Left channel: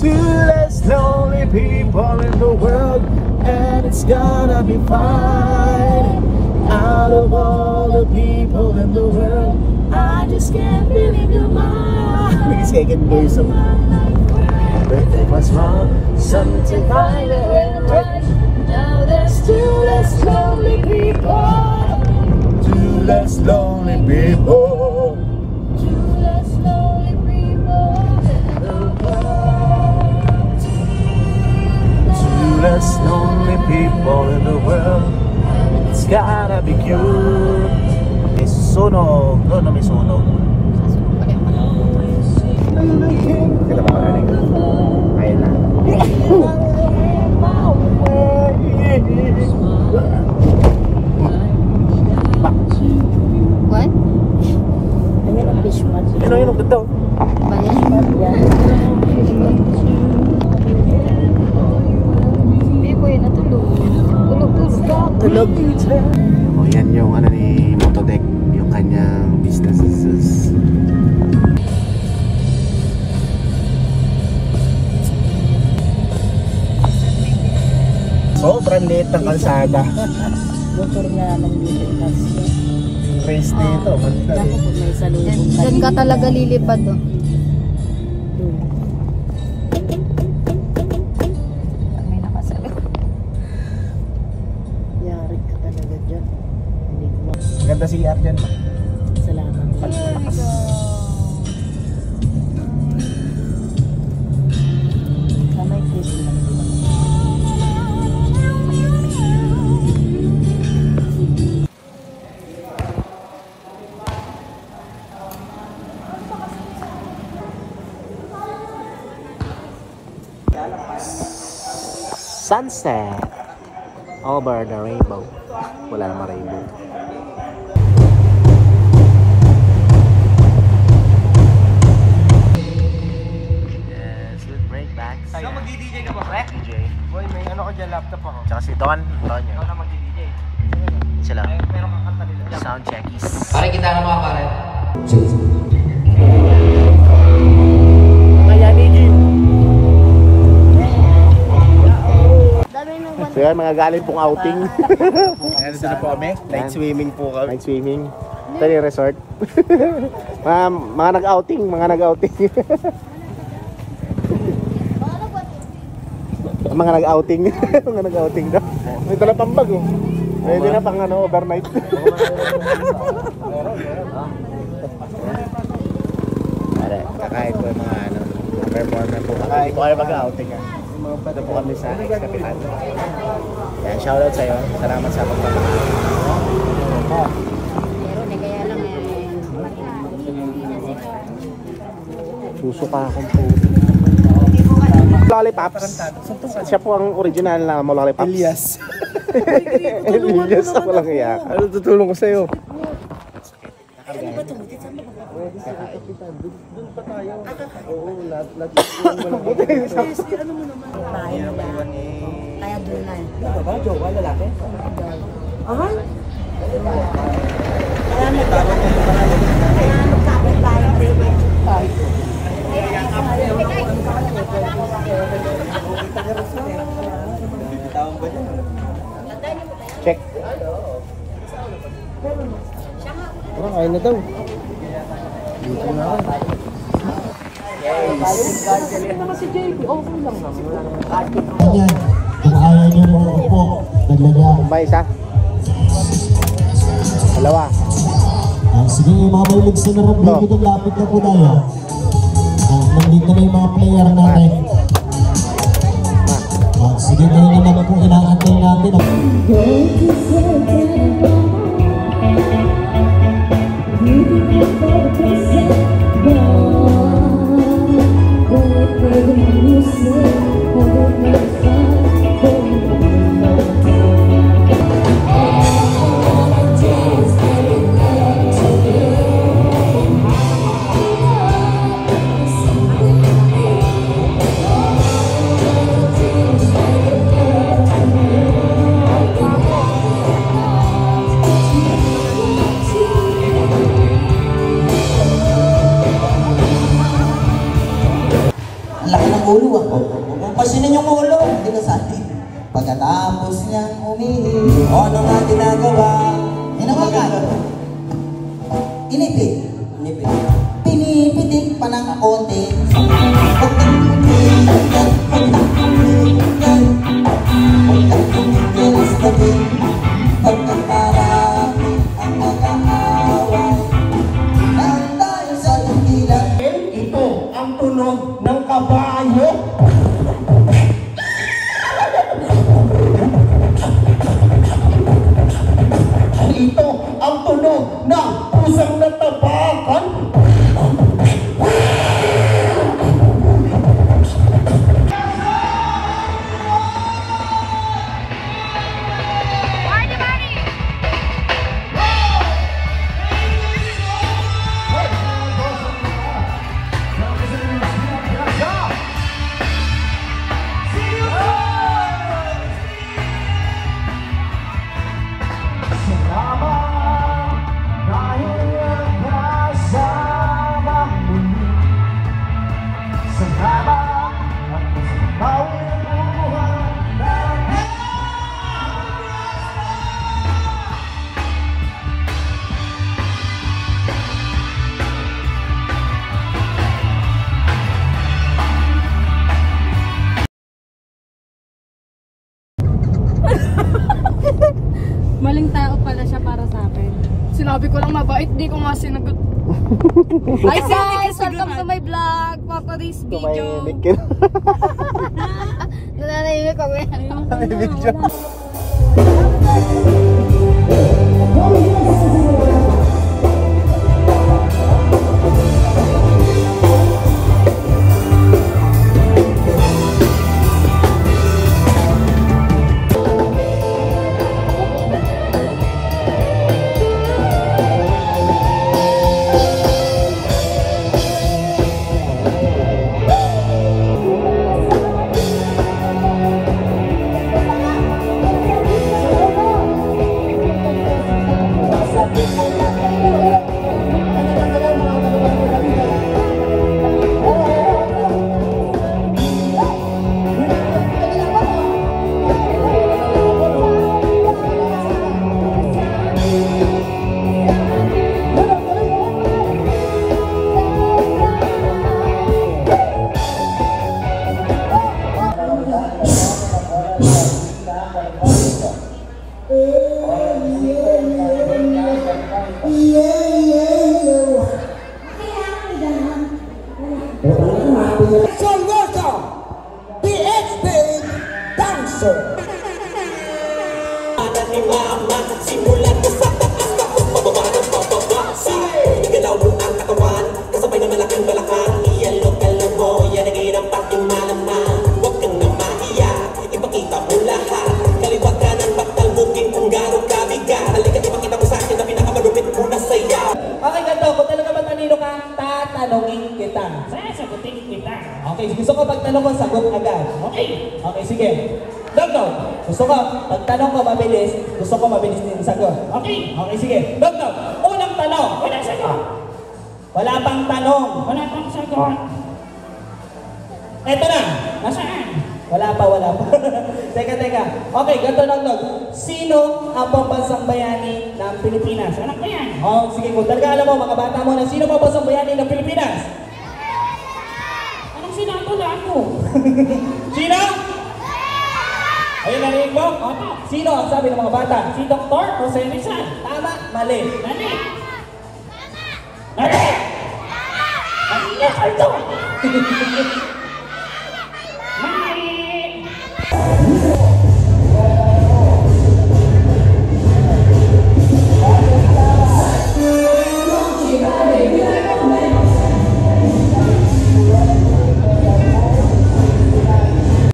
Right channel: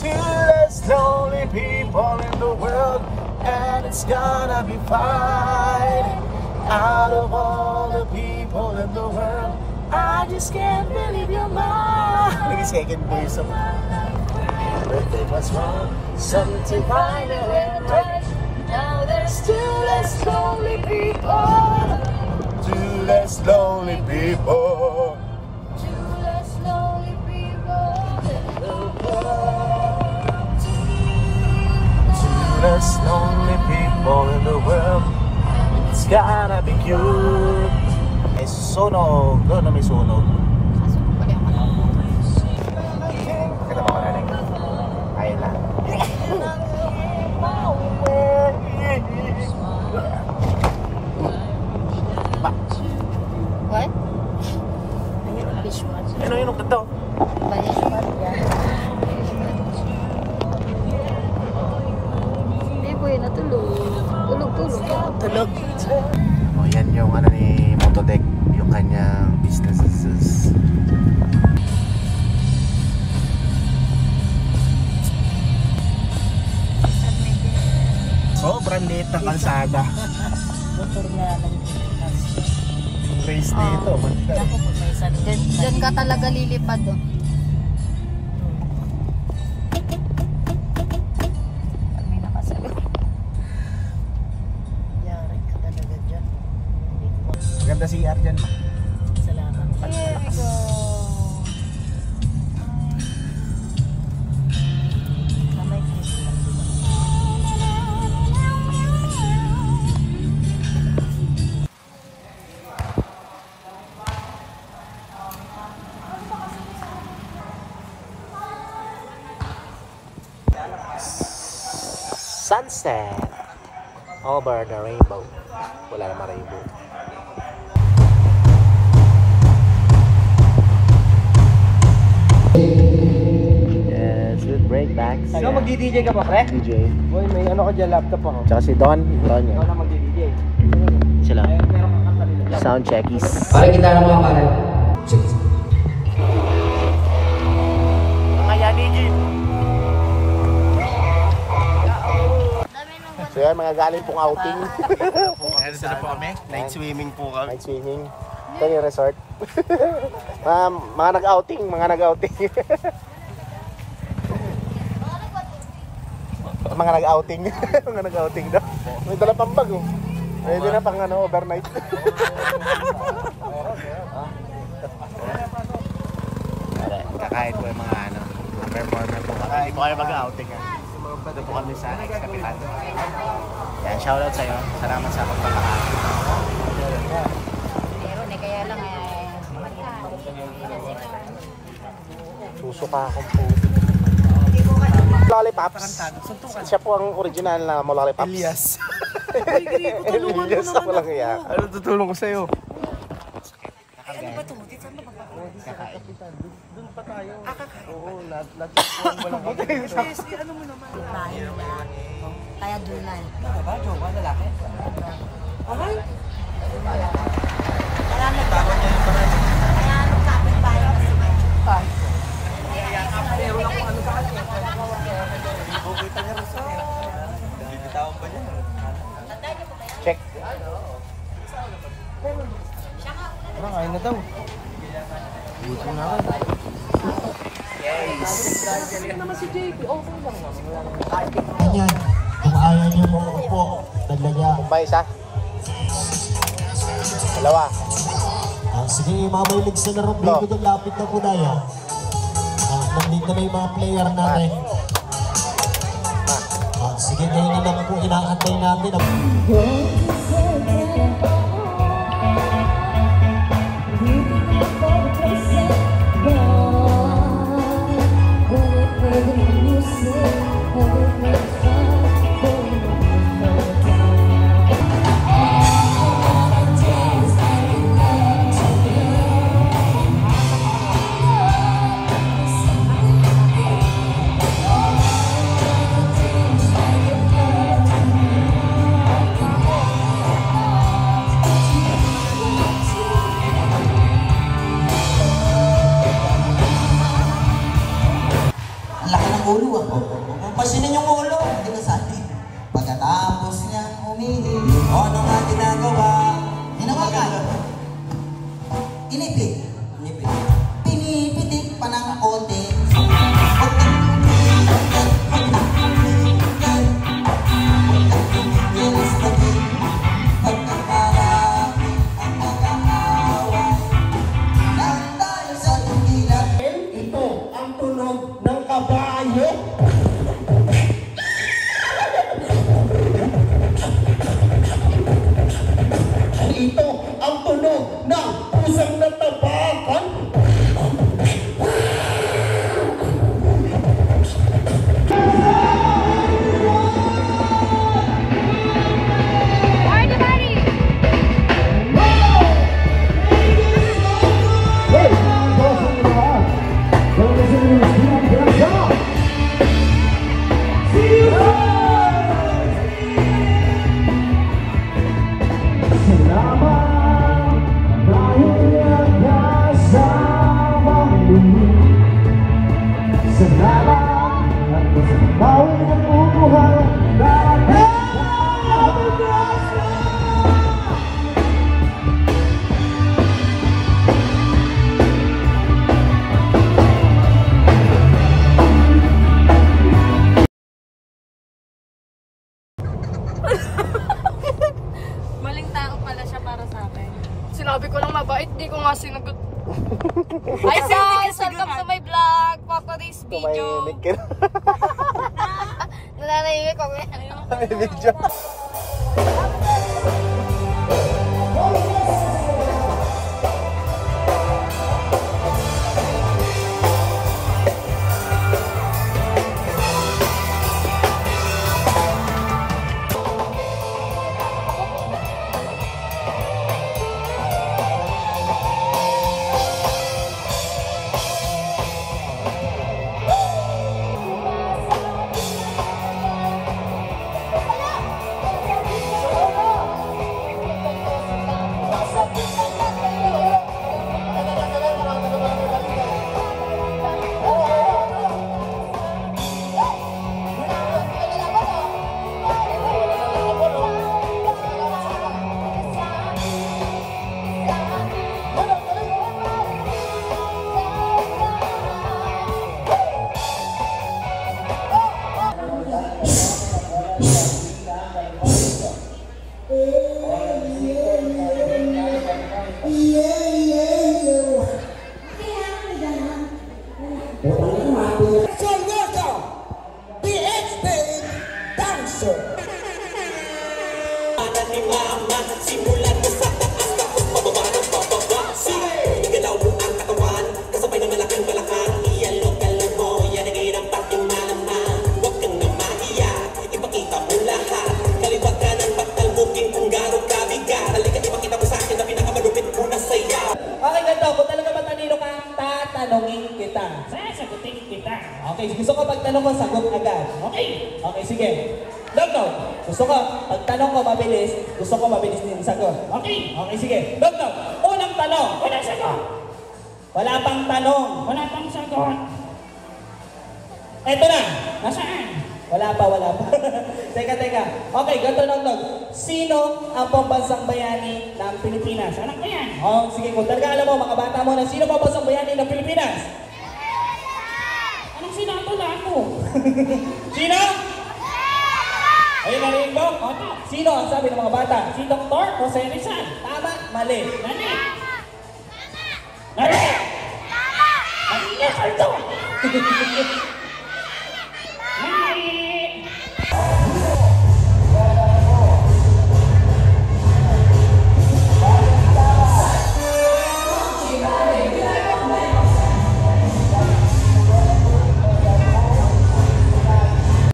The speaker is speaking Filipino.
To less lonely people in the world, and it's gonna be fine. Out of all the people in the world, I just can't believe you're mine. Because I can do some. What's wrong? Something finer and right. Now there's two less lonely people. Two less lonely people. Two less lonely people. Two less lonely people in the world. It's gotta be cute. May susunog. Ano may sunog? Kita ba ka na? Ayun lang. What? Ayan ang fish pot. Ano yun ang ganda? Tulog. O yan yung ano ni Motodeck, yung kanyang businesses. Sobrang liit ng kalsada. Race dito. Diyan ka talaga lilipad. Yari ka talaga dyan. Maganda si CR dyan. Salamat. Palakas. Sunset over the rainbow. Wala namang rainbow. Yes, with breakbacks. Ano, mag-DJ ka pa, pre? DJ. Boy, may ano ko dyan, laptop ako. Tsaka si Don. Don Ikaw yun. na mag-DJ. Sila. Sound checkies. Pare kita na mga pare. Mga yan, DJ. Dami So yan, mga galing pong outing. Ayan, dito na po kami. Night swimming po kami. Night swimming. Ito yung resort. mga nag-outing, mga nag-outing. Mga nag-outing. Mga nag-outing na. May dala pang bag oh. Pwede na pang ano, overnight. Kakahit po yung mga ano, mga performer po kami. Hindi po kayo mag-outing ah. Ito po kami sa ex-kapitan. Yan, shoutout sa'yo. Salamat sa pagpapakain. Pero hindi kaya lang Suso pa ako. Lollipop. Siya po ang original na mo Lollipop. Elias. Elias ako lang kaya. Ano tutulong ko sa'yo? ano ba ito? Saan ba Doon pa tayo. Oo, lahat. Ano mo naman? Kaya doon na. Ano ba? Jowa, lalaki? Aha? Kaya magkapit tayo. Check. Parang ayaw na daw. Dito na ako. Yes. Yan, kung ayaw nyo po, daglaga. May isa. Dalawa. Sige, mamalilig sa narambing ko ng lapit na po tayo. Nandito na yung mga player natin. Sige, ngayon na naman po inaantay natin. Pansinin yung ulo, hindi ka sabi. Pagkatapos niyang umihi, ano nga ginagawa? Hinawakan. Inipit. Pinipitik pa ng konti. Pagkakarami ang mag-aaway nang tayo sa tugilan. Ito ang tunog ng kabayo. Ito ang tunog ng pusang natabakan. Maling tao pala siya para sa akin. Sinabi ko lang mabait, di ko nga sinagot. Hi guys! Welcome to my vlog for today's video. Nananahimik ako yan. So welcome, the expert dancer. Simulan ka sa taas, tapos pababa ng pababa. Sige, igalaw mo ang katawan, kasabay ng malaking balakang. Iyalog-alog mo, yan ang irapat yung malaman. Huwag kang na mahiya, ipakita mo lahat. Kaliwat ka ng baktal booking kung gano'ng kabigat. Halika't ipakita mo sa akin na pinakamalupit mo na saya. Okay, ganito. Kung talaga matalino ka, tatanungin kita. Sasagutin kita. Okay, gusto ko pagtanong ko, sagot agad. Okay. Okay, sige. Dog-dog. Gusto ko, pagtanong ko mabilis, gusto ko mabilis din sagot. Okay. Okay, sige. Dog-dog. Unang tanong. Wala sagot. Wala pang tanong. Wala pang sagot. Eto na. Nasaan? Wala pa. Teka. Okay, ganito lang, Dog. Sino ang pambansang bayani ng Pilipinas? Anak ko yan. Oh, sige, kung talaga alam mo, mga bata mo na sino pambansang bayani ng Pilipinas? Anong sinatulaan mo? Sino? Ayun, narinig mo? Opo. Sino ang sabi ng mga bata? Si Dr. Jose Rizal. Tama, mali. Nani? Nani? Nani? Nani?